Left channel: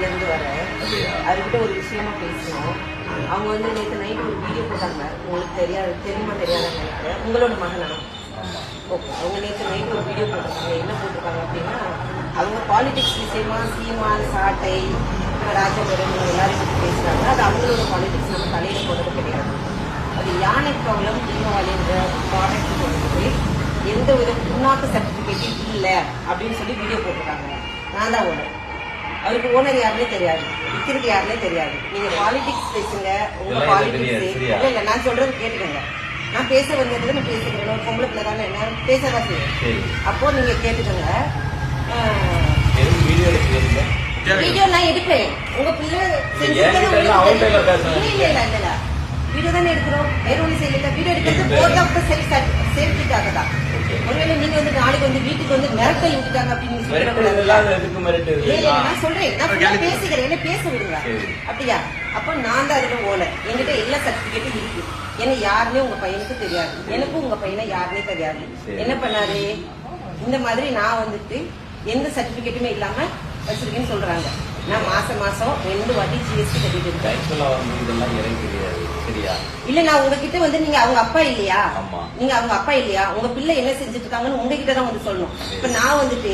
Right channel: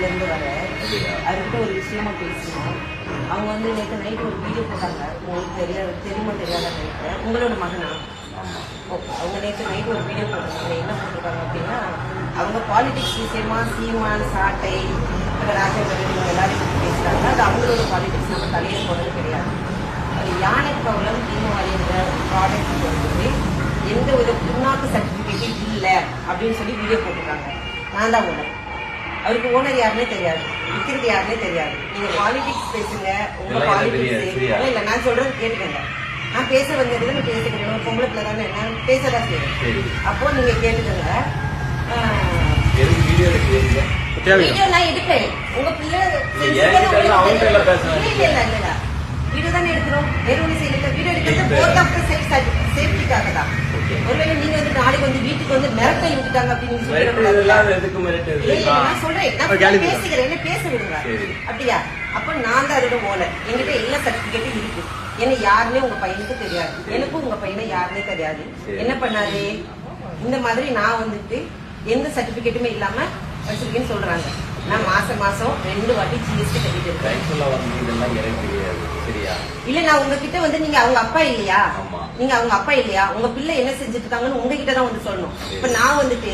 ஊர்ல இருந்து வர அவர்கிட்ட ஒரு விஷயமா பேசணும். அவங்க வந்து நேற்று நைட்டு ஒரு வீடியோ போட்டாங்க. உங்களுக்கு தெரியுமா தெரியாதான்னு நினைக்கிறேன். உங்களோட மகனா? ஓகே. அவங்க நேற்று நைட்டு ஒரு வீடியோ போட்டிருக்காங்க. என்ன போட்டிருக்காங்க அப்படின்னா, அவங்க பாலிடிக்ஸ் விஷயமா சீமான், சாட்டை, ராஜபுரம் இவங்க எல்லாரும் பற்றி பேசுறாங்க. அது அவங்களோட பாலிடிக்ஸ், நம்ம தலையில போறது கிடையாது. அது யானை ப்ராப்ளம் தீபாவளின்ற ப்ராடக்ட் போட்டு எந்த வித புண்ணாக்கு சர்டிபிகேட்டும் இல்லை அப்படின்னு சொல்லி வீடியோ போட்டிருக்காங்க. நான் தான் ஓனர். அவருக்கு ஓனர் யாருன்னே தெரியாது, விற்கிறது யாருன்னே தெரியாது. நீங்க பாலிடிக்ஸ் பேசுங்க, உங்க பாலிடிக்ஸ் இல்ல. நான் சொல்றது கேட்டுக்கங்க. நான் பேச வந்ததுல நான் பேசுகிறேன். ஒரு பொம்பளை பிள்ளை தானே, நான் பேசதான் செய்வேன். அப்போ நீங்க கேட்டுக்கங்க. வீடியோ நான் எடுப்பேன். உங்க பிள்ளை வீடியோ தானே எடுக்கிறோம். வேற ஒண்ணு செய்யல. வீடியோ எடுக்கிறது போர்ட் ஆஃப் த சேஃப்டிக்காக தான். ஒருவேளை நீங்க வந்து நாளைக்கு வந்து வீட்டுக்கு வந்து மிரட்டல் விட்டுட்டாங்க அப்படின்னு நான் சொல்றேன். நான் பேசுகிறேன், என்ன பேச விடுங்க. அப்படியா? அப்ப நான் தான் அதோட ஓனர். என்கிட்ட எல்லா சர்டிபிகேட்டும் இருக்கு. ஏன்னா யாருன்னே உங்க பையனுக்கு தெரியாது, எனக்கும் உங்க பையனை யாருன்னே தெரியாது. என்ன பண்ணாரு, இந்த மாதிரி நான் வந்துட்டு எந்த சர்டிபிகேட்டுமே இல்லாம வச்சிருக்கேன்னு சொல்றாங்க. நான் மாசம் 2 வாட்டி ஜிஎஸ்டி கட்டிட்டு இருக்கேன். இல்ல, நான் உங்ககிட்ட வந்து நீங்க அவங்க அப்பா இல்லையா, நீங்க அவங்க அப்பா இல்லையா, உங்க பிள்ளை என்ன செஞ்சுட்டு இருக்காங்கன்னு உங்ககிட்ட தான் வந்து சொல்லணும். இப்ப நான் வந்துட்டு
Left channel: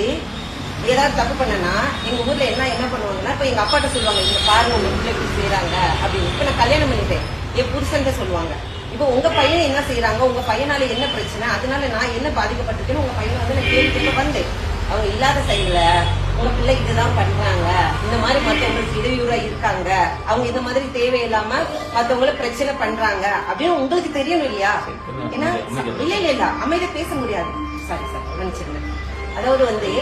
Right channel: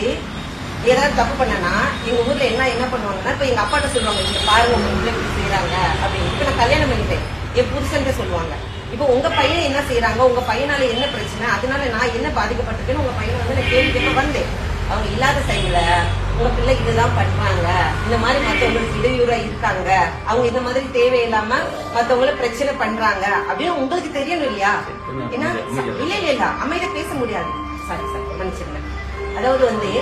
ஏதாவது தப்பு பண்ணனா எங்க ஊர்ல என்ன பண்ணுவாங்கன்னா, இப்ப எங்க அப்பாட்ட சொல்லுவாங்க, இந்த பாருங்க உங்க பிள்ளை இப்படி செய்யறாங்க அப்படின்னு. இப்ப நான் கல்யாணம் பண்ணிட்டேன், என் புருஷன் சொல்லுவாங்க. இப்ப உங்க பையன் என்ன செய்யறாங்க, உங்க பையனால என்ன பிரச்சனை, அதனால நான் என்ன பாதிக்கப்பட்டிருக்கேன்னு உங்க பையனை வந்து நான் கேள்விப்பட்டு வந்தேன். அவங்க இல்லாத சைடுல உங்க பிள்ளை இதுதான் பண்றாங்க, இந்த மாதிரி மத்தவங்களுக்கு இடையூறா இருக்காங்க, அவங்க இந்த மாதிரி தேவையில்லாம மத்தவங்கள பிரச்சனை பண்றாங்க அப்படின்னு உங்களுக்கு தெரியணும் இல்லையா? ஏன்னா இல்ல அமைதியா பேச முடியாது. சாரி மன்னிச்சிருங்க. அதாவது வந்து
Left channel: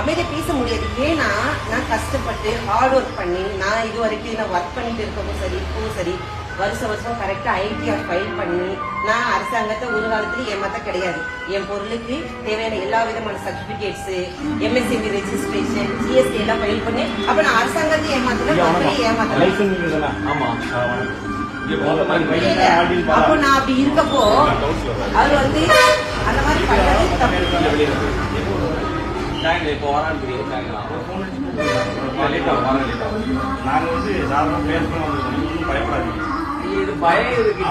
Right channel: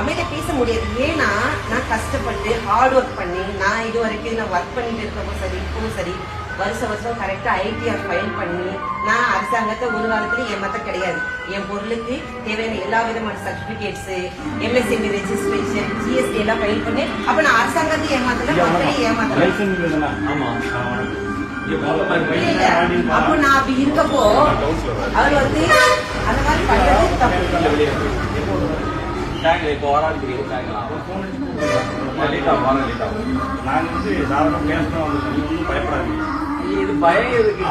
அமைதியா பேச முடியாது. ஏன்னா நான் கஷ்டப்பட்டு ஹார்ட் ஒர்க் பண்ணி நான் இது வரைக்கும் நான் ஒர்க் பண்ணிட்டு இருக்கவும் சரி, இப்பவும் சரி, வருஷம் கரெக்டா ஐடிஆர் ஃபைல் பண்ணி நான் அரசாங்கத்தை ஒரு காலத்துல ஏமாத்த கிடையாது. என் பொருளுக்கு தேவையான எல்லா விதமான சர்டிபிகேட்ஸ், எம்எஸ்எம்பி ரெஜிஸ்ட்ரேஷன், ஜிஎஸ்டி எல்லாம் ஃபைல் பண்ணி அப்ப நான் அரசாங்கத்தை ஏமாத்தல, மக்களையும் ஏமாத்தல. அப்போ நான் அப்படி இருக்கப்போ அவர் வந்து அந்த மாதிரி பண்றது தப்பு. இப்போ நாங்க வந்து சாதாரண பேசணும் வந்து பயப்படாதீங்க. இது பயம் இருக்கு.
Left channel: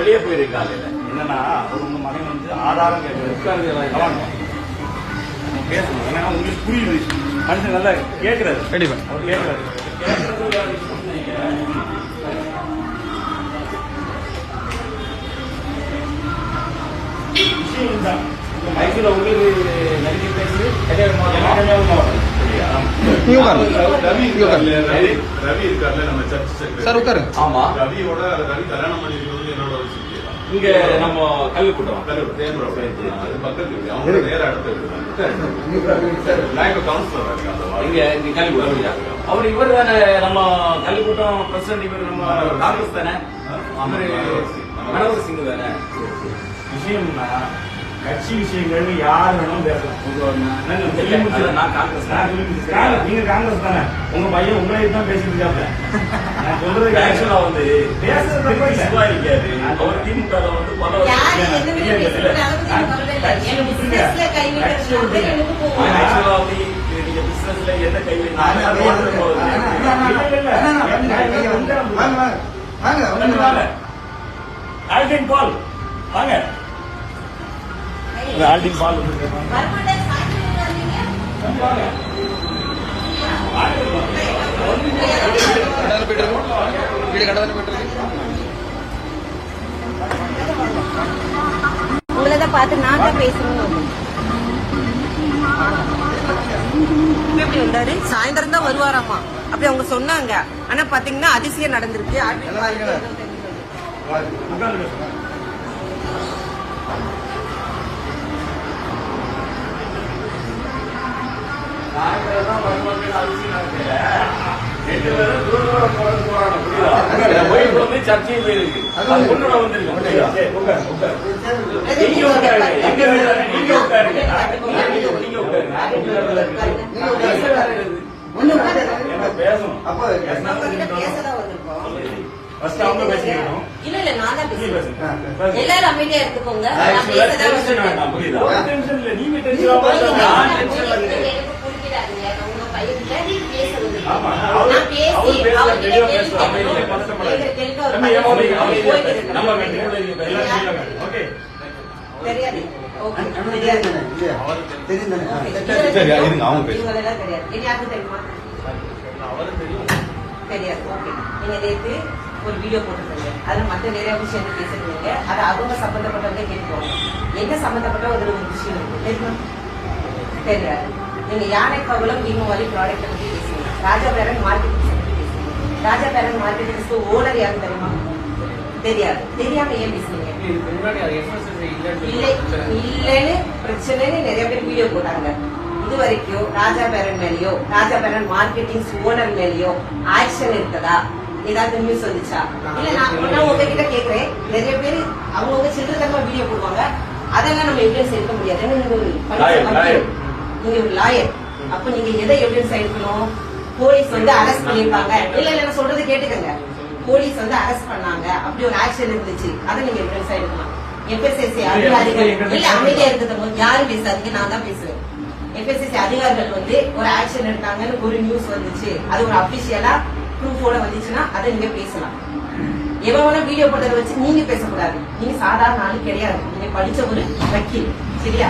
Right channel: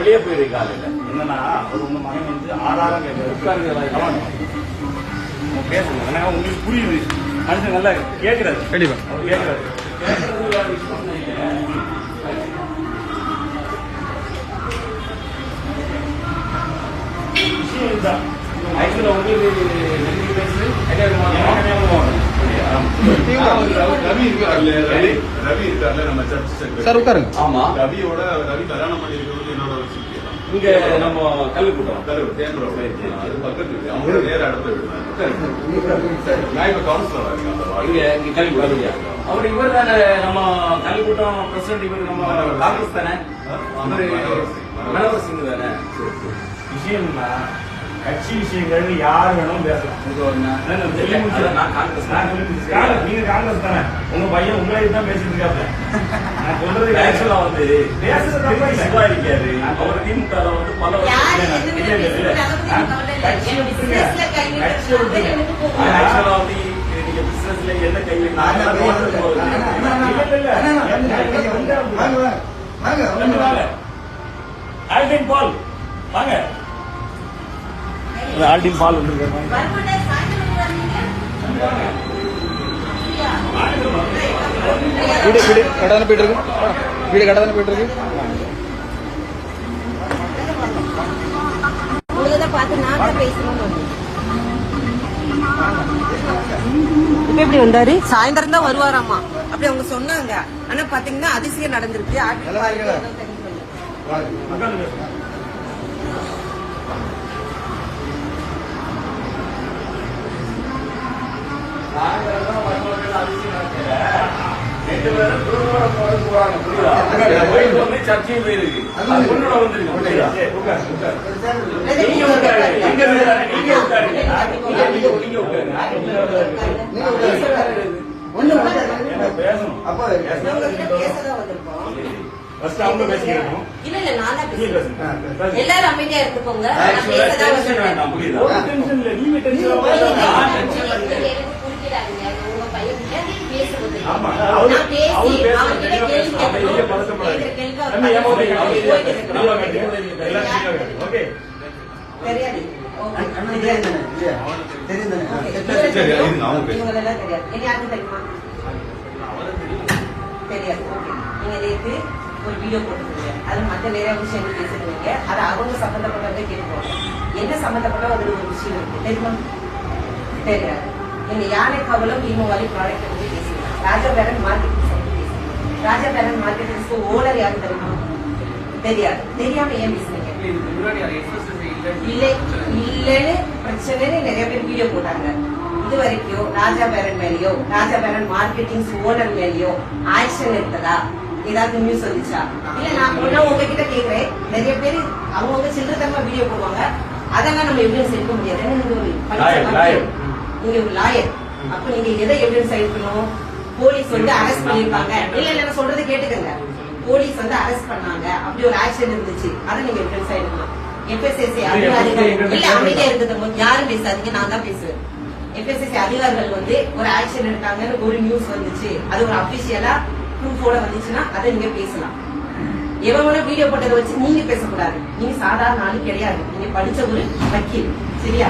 வெளியே போயிருக்காங்க. என்னன்னா ஒரு உங்க மகன் வந்து ஆதாரம் கேட்கறாரு, பேசணும். ஏன்னா உங்களுக்கு புரியுது, மனுஷன் நல்லா கேட்கிறாரு. கண்டிப்பா அவர் கேட்கிறாரு. விஷயம் தான் ஆக்சுவலா உங்களுக்கு நன்றி பேசுது. ரவி இருக்காருல்ல நம்ம சர்ச் சார் உட்காருங்க. ஆமா, ரவியோட ரவி கல்யாணம் பண்ணிருக்கிறது என்னோட இங்க நம்ம கல்லுக்கூட்டம் பக்கத்து இருக்கு. அவங்க வேற இடத்துல நான் இப்ப கவுன்சிலரா இருக்கேன். அந்த இங்க கல்லுக்கூட்டம் அவர் இவர் தானே நம்ம கல்லுக்கூட்டம் பிரசிடன்ட். இவர் நம்ம காங்கிரஸ் தானே, மனோகர் சிங் தானே. விஷயம்னா கட்சி விஷயங்கள் யார் வேணாலும் பேசலாம். நீங்க காங்கிரஸ் தானே, உங்க பையன் உங்களே தான் பேசிட்டு இருக்காப்ல. நான் சொல்றது ஆக்சுவலா வந்து பேசுறது இருக்காது. அவர் திமுக வந்து பல நீங்க பிசினஸ்ல என்ன கை ஆல்டின் பால் வாங்க. ஆல்டின் பால் வந்து உங்களதான் பார்த்து நான் தான் பேசணும்னு வந்து எப்படி வந்தாரு. சாயந்தரம் தான் வருவாராமா அப்படி அவங்க சொன்னாங்க. ஆனா பாத்தீங்கன்னா அதிசயம் நடந்திருக்கு. சாயந்தரம் வருவாங்க. ரெண்டு பேரும் தூரத்தோட போறாங்க. புரியுதா? வந்து சர்ச்சையும் போயிருக்கு. உன்னோட வந்துருக்கு. நீங்க உட்காரு, எங்க நீங்க உட்காரு, நீங்க பேசணும். அப்போ அவங்க பேசிக்கணும். இல்ல இல்ல நான் தான் பேசுறேன். எல்லாரும் அமைதியா இருந்துக்கோங்க. நான் பேசதான் புரியுதா? நீங்க தெரியாது. ஓகே தெரியாது. தெரியாது. யாருக்கும் தெரியுமா? தெரியாது. ஓகே நீங்க நேற்று ஒரு வீடியோ போட்டுருக்கீங்க. அது மற்ற நிறைய விஷயம் பேசுறீங்க. அது அவங்க சம்பந்தப்பட்டதை கேட்டுருவாங்க. என்ன சம்பந்தப்பட்ட ஒரு விஷயம் இருக்கு தெரியுமா? தெரியாது. நீங்க யானை கவலம் தீபாவளி ப்ராடக்ட் பத்தி பேசுறீங்க. ராஜா பேரன் மார்க்கெட்டிங் பத்தி பேசுறீங்க. ராஜா பேரன் மார்க்கெட்டிங்ஸ்க்கு ஓனர் யாரு தெரியுமா? தெரியாது. தெரியாம ஏன் பேசுறீங்க? இல்லன்னு பிரச்சனைன்னு நிறைய பேர் வீடியோ போட்டாங்க. இது வரைக்கும் ராஜா பேரன் மேலயோ ராஜா பேரன் மார்க்கெட்டிங் ஓனர் மேலயோ ஆக்ஷன் இருக்குதா? ஏதாவது நியூஸ் வந்துச்சா? இல்ல நான் உங்ககிட்ட கேக்குறேன். நிறைய பேர் அவங்க சில்லறதமா வீடியோ போடுவாங்க. அதெல்லாம் நம்ம எவிடன்ஸ் எடுக்க முடியாது. நீங்க ஒரு நீங்க ஒரு லாயர். அப்ப நீங்க எதை எவிடன்ஸ் எடுக்கணும்? போலீஸ் வந்து அரெஸ்ட் பண்ணிருப்பாங்க. இல்ல நான் சொல்றது கேட்டுக்கங்க. போலீஸ் வந்து அரெஸ்ட் பண்ணாங்க. அப்படி ஒரு ஆக்ஷன் இருந்துச்சு. அதை நீங்க எவிடன்ஸ் எடுக்கலாம். எஃப்எஸ்எஸ்சி அதிகாரிகள் இல்ல அமைதியா இருக்கிறது யாரும் பேசாதீங்க. நான் தான் பேசுவேன். எஃப்எஸ்எஸ்சி அதிகாரிகள் வந்து ஒரு ஆக்ஷன் எடுத்தாங்கன்னு ஒரு நியூஸ் வந்துச்சு. அது ஒரு அபிஷியலா ப்ரூஃபோட வந்துச்சுன்னா அதை நீங்க பேசலாம். எவன வீடியோ போட்டதை வச்சு நீங்க பேசக்கூடாது. நீங்க சாதாரண ஆளு கிடையாது. நீங்க படிச்ச ஒரு வக்கீல். சரியா?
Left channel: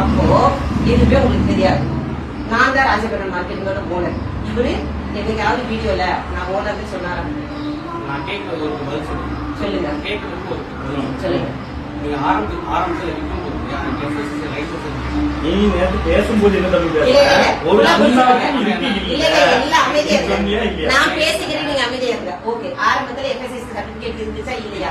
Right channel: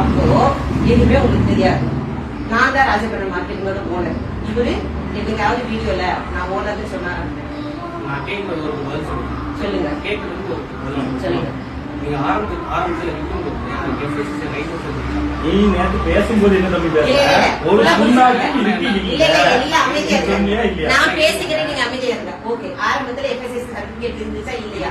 அப்போ எதுவுமே உங்களுக்கு தெரியாது. நான் தான் ராஜபேரன் மார்க்கெட்டோட ஓனர். இவரு என்னைக்காவது வீடியோல நான் ஓனர்னு சொன்னாரு. சொல்லுங்க. சொல்லுங்க. நீ நேற்று பேசும்போது என்ன தம்பி பேச நான் பேசிக்கிறேன். நீங்க அமைதியா இருங்க. ஓகே ஆரம்பத்துல எஃப்எஸ்எஸ்சி சர்டிபிகேட் இருந்துச்சா இல்லையா?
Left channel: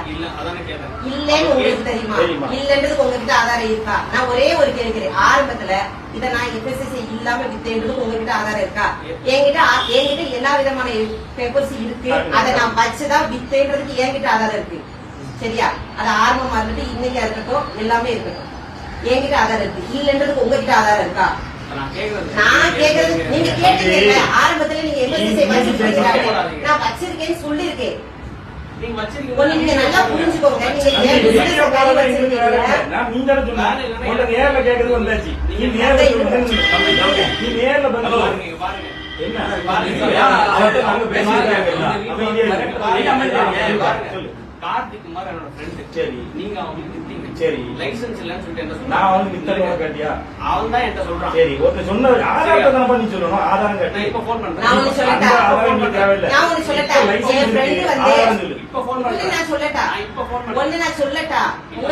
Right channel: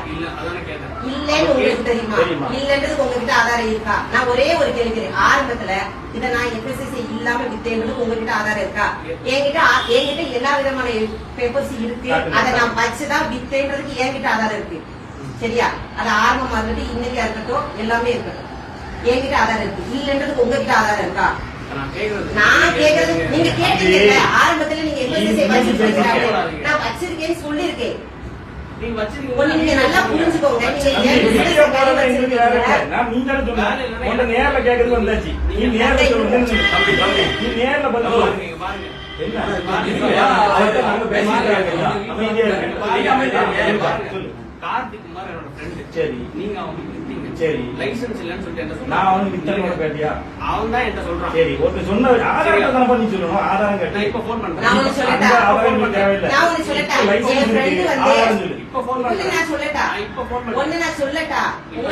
இல்லன்னு உங்களுக்கு தெரியுமா? இல்லன்றது உங்ககிட்ட ஆதாரம் இருக்கா? நான் ஒரே ஒரு கேட்கிறேன். ஆரம்பத்துல இதை நான் எஃப்எஸ்எஸ்சி இல்லாம வித்தேன்றது உங்ககிட்ட ஆதாரம் இருக்கா? என்கிட்ட எல்லா விதமான பேப்பர்ஸ் இருக்கு. அதை நான் வச்சுதான் வித்தேன்றதுக்கு என்கிட்ட ஆதாரம் இருக்கு. சரியா? அது ஆரம்பமா இருக்கட்டும் இன்னைக்கா இருக்கட்டும் எல்லாமே இருக்கட்டும். என்கிட்ட ஆதாரம் இருக்கு. இல்லன்றதுக்கு உங்ககிட்ட ஆதாரம் இருக்கா? நான் கேக்குறது நீங்க கேட்டீங்க. ஆரம்பத்துல நீங்க நான் வச்சிருக்கேன்னு சொல்லிருக்கேன். நீங்க நல்லா புரிஞ்சுக்கோங்க. நீங்க நேர்ல கேக்குறது வந்தாச்சு. நீ நேர்ல கார்த்திக் குமார் என்னோட ஃப்ரெண்ட். சரி நீங்க அவனுக்கு வித்தீங்க. சரி லைசன்ஸ் இல்லன்னு சொல்லிட்டு என்ன சொன்னா? நான் அவனுக்கு வித்தேன்னு கேட்டியா? அவன் தான் என்கிட்ட சொல்றான். சரி ஒருத்தர் சொன்ன ஆதாரத்தை தானே பண்ணி சொல்லணும். ஆதாரம் கேட்டு இப்ப போன் பண்றேன். நான் உனக்கு சொல்லட்டா? நான் உனக்கு சொல்லட்டா? என் ஃப்ரெண்ட் வந்து இப்ப போன் பண்றேன். நான் சொல்லட்டா? இப்ப போன் பண்றேன். ஒண்ணு நான் சொல்லட்டா? இப்ப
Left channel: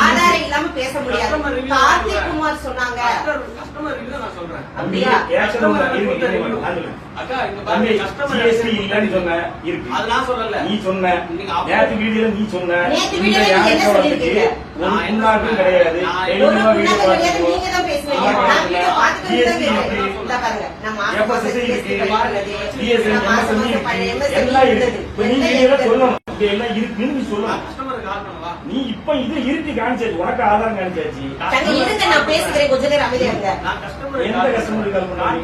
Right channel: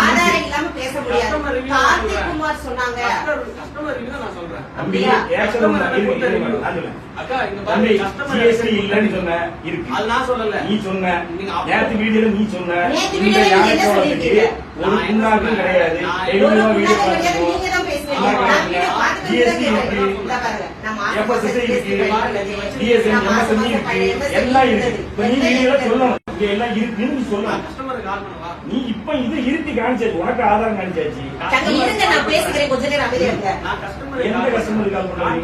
ஆதாரம் இல்லாம பேச முடியாது. கார்த்திக் குமார் சொன்னாங்க. கஸ்டமர் இல்ல நான் சொல்றேன். அப்படியா? அக்கா இங்க பாருங்க கஸ்டமர் ஜிஎஸ்டி இல்லன்னு சொன்ன இருக்கு. அது நான் சொல்லல. நீ சொன்ன நேத்து வீடியோல நீ சொன்ன நேத்து வீடியோல நீங்க என்ன சொல்லிருக்கீங்க? ஒரு புண்ணாக்கும் கிடையாது. 7 வீடியோ பார்த்துக்கோ. நீங்க தான் பேசுனீங்க. நான் வீடியோ பார்த்துட்டு ஜிஎஸ்டி இருக்கு. இந்த பாருங்க. நம்ம எஃப்எஸ்எஸ்சி இருக்கு. டிஎஸ்என் எம்எஸ்எம்இ இருக்கு. எல்லாம் இருக்கு. இப்ப நீ வீடியோல சொல்லணும். இங்க எல்லாம் இருக்குன்னு நீ சொல்லணும். கஸ்டமருக்கு கால் பண்ணவா? நீ இப்ப இது இருக்கு காமிச்சாச்சு. உனக்கு ஆதாரம் காமிச்சாச்சு. தங்க இருங்க நான் பேசிக்கிறேன். கொஞ்ச நேரம் அமைதியா இருங்க. நான் கஸ்டமர் எந்த கஸ்டமருக்கு கால் பண்ணாரு?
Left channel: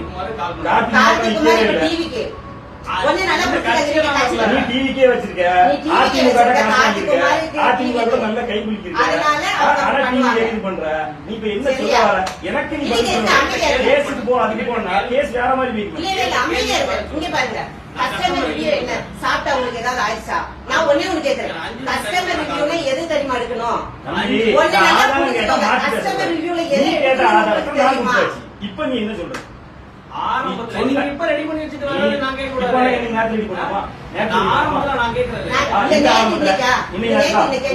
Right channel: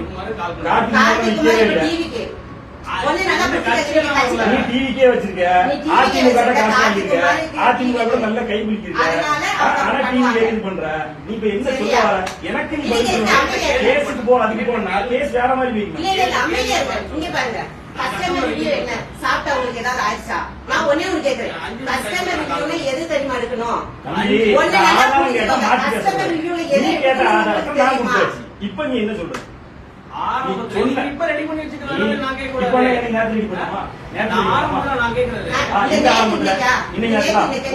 கார்த்திக் குமார் இப்ப டிவிக்கு ஒண்ணு நல்லா நீ புரிஞ்சுக்க. டிவிக்கே வச்சிருக்க. அதிமுக அதிமுக கூட நல்ல கை பிடிச்சிருக்க. ஆனா டிவி கேக்குது பண்ற. நீ இப்ப என்ன சொல்ல வர? எனக்கு நீ கேஸுக்கு போ. அதுக்கு போனா கேஸ் வேற மாதிரி போயிருக்கு. இல்ல அமைதியா இருங்க. இங்க பாருங்க. கஸ்டமர் ரிவ்யூ என்ன? சாப்பிட்டா உங்களுக்கு ஏதாவது ஆயிடுச்சா? நான் ஒண்ணே ஒண்ணு கேக்குறேன். கஸ்டமர் ரிவ்யூல எது தெரியுமா எடுக்கணும்? கஸ்டமர் ரிவ்யூல எது எடுக்கணும்? இப்ப நீ என்ன சொல்ற? ஆரம்பத்துல இப்ப ரெடி பண்ணி வச்சிருக்காங்க. நான் கேட்க கூடாது. ஆரம்பத்துல நான் கேக்குறேன்.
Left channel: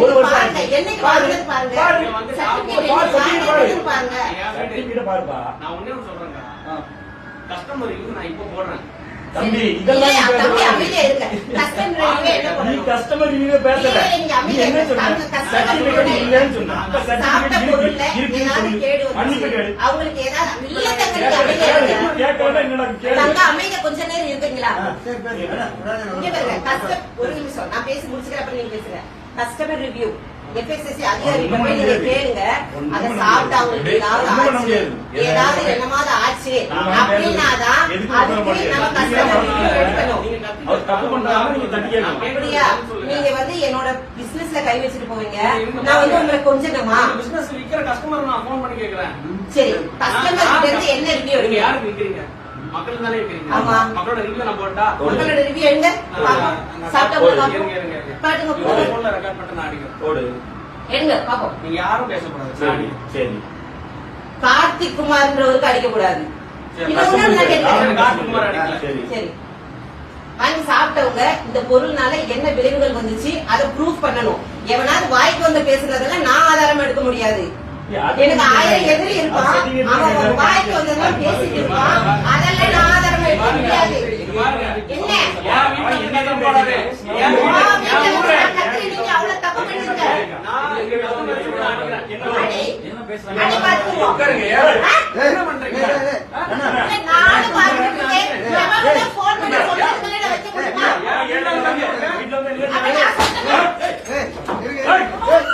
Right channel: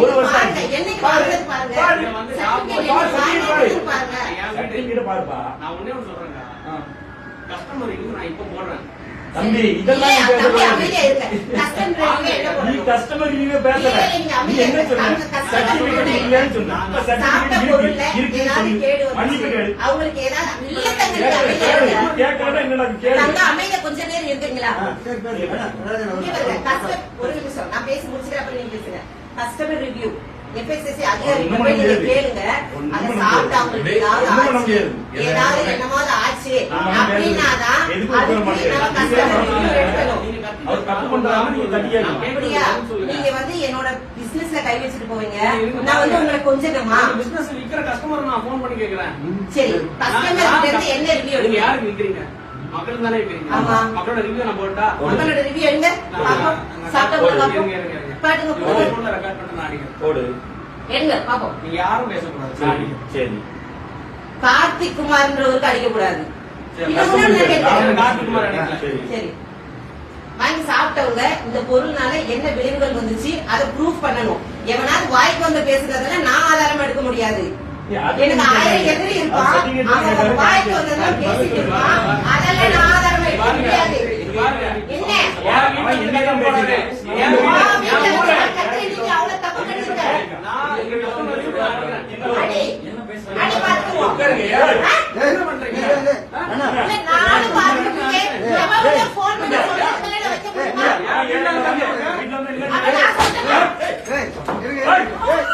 ஒரு வருஷம் என்னைக்கு பாருங்க பாருப்பா. நான் ஒண்ணே ஒண்ணு சொல்றேங்க. கஸ்டமர் நான் இப்ப போடுறேன். தம்பி இதெல்லாம் நீ கஸ்டமர் ரிவ்யூ பேசல. நீ என்ன சொன்ன? சர்டிபிகேட் இல்லன்னு சொன்ன. சர்டிபிகேட் இருக்குன்னு சொல்லி மன்னிப்பு கேளு. அவங்களுக்கு ஏதாவது இல்ல கேட்கறதா என்னடா கேளு. தங்க அமைதியா கொஞ்ச நேரம் இருக்கீங்களா? ஒரு நிமிஷம் நான் பேசி முடிச்சுக்கிறேன். அப்புறம் நீங்க பேசுங்க. கஸ்டமர் ரிவ்யூ எஃப்எஸ்எஸ்சி அதிகாரிகள் போய் நீங்க கேளுங்க. அதை சாப்பிட்டா அவங்களுக்கு ஏதாவது என்னமாவது ஆச்சு அப்படின்னாதான் நீங்க வந்து என்னோட பிசினஸ்ல கை வச்சுட்டு போவீங்க. நான் வந்து உங்களை கொஞ்சமா பிசினஸ் இருக்கிற கஸ்டமர் நான் போன் பண்ணி கேக்குறேன். சரி கஸ்டமர் கிட்ட இருந்து என்ன ரிவ்யூ யாருக்கு விக்கிறீங்க? மக்கள் தானே ஆமா. மக்களோட ரிவ்யூ நம்ம போட்டா மக்களோட ரிவ்யூ எடுங்க பாப்போம். சாப்பிட்டவங்க பாப்போம். பாட்டுங்க போடுங்க. போன்ல ரெக்கார்ட் பண்ணிட்டு நான் அடிக்கிறேன். போடு. எடுங்க பாப்போம். நீங்க யாரும் பேசக்கூடாது நான் சரி அடிக்கிறேன். சரி கார்த்திக் குமார்ன்றவருக்கு அடிக்க கூடாது. சரி, இன்னும் ஒண்ணு நான் கேட்கிறேன். கார்த்திக் குமார் அடிக்கலாம். சரி சரி. வாங்கி சாப்பிட்டவங்க இந்த பொருள்னால என்ன விளைவுகள் வந்துச்சு அதை ப்ரூஃப் பண்ணணும். எவனாவது வாய்க்கு வந்து பேசுறதெல்லாம் நான் ஆதாரம் எடுக்க முடியாது. எனக்கு 1000 எதிரி இருப்பான். அவன் ஒரு வாய்க்கு வந்ததெல்லாம் பேசிட்டு இருப்பான். அதெல்லாம் நான் ஆதாரம் எடுக்க முடியாது. என்ன? அவன் என்னதான் போடாது. நீங்க அவ்வளவு தப்பு பண்ணிருக்க. நான் இங்க customer கிட்ட அடிக்கிறேன். என்ன பேசுறாங்க? அடி பார்த்துருவோம். என்ன பண்றீங்க? இல்ல, நானும் பார்த்துருக்கேன். எவனுக்கு phone பண்ணி சொல்லிட்டு வெளியில வச்சு கொடுப்பா. வீட்டுல வந்து இல்ல அவன் நான் சொல்றேன். ஏய், இருங்க. ஏய், ஏய்.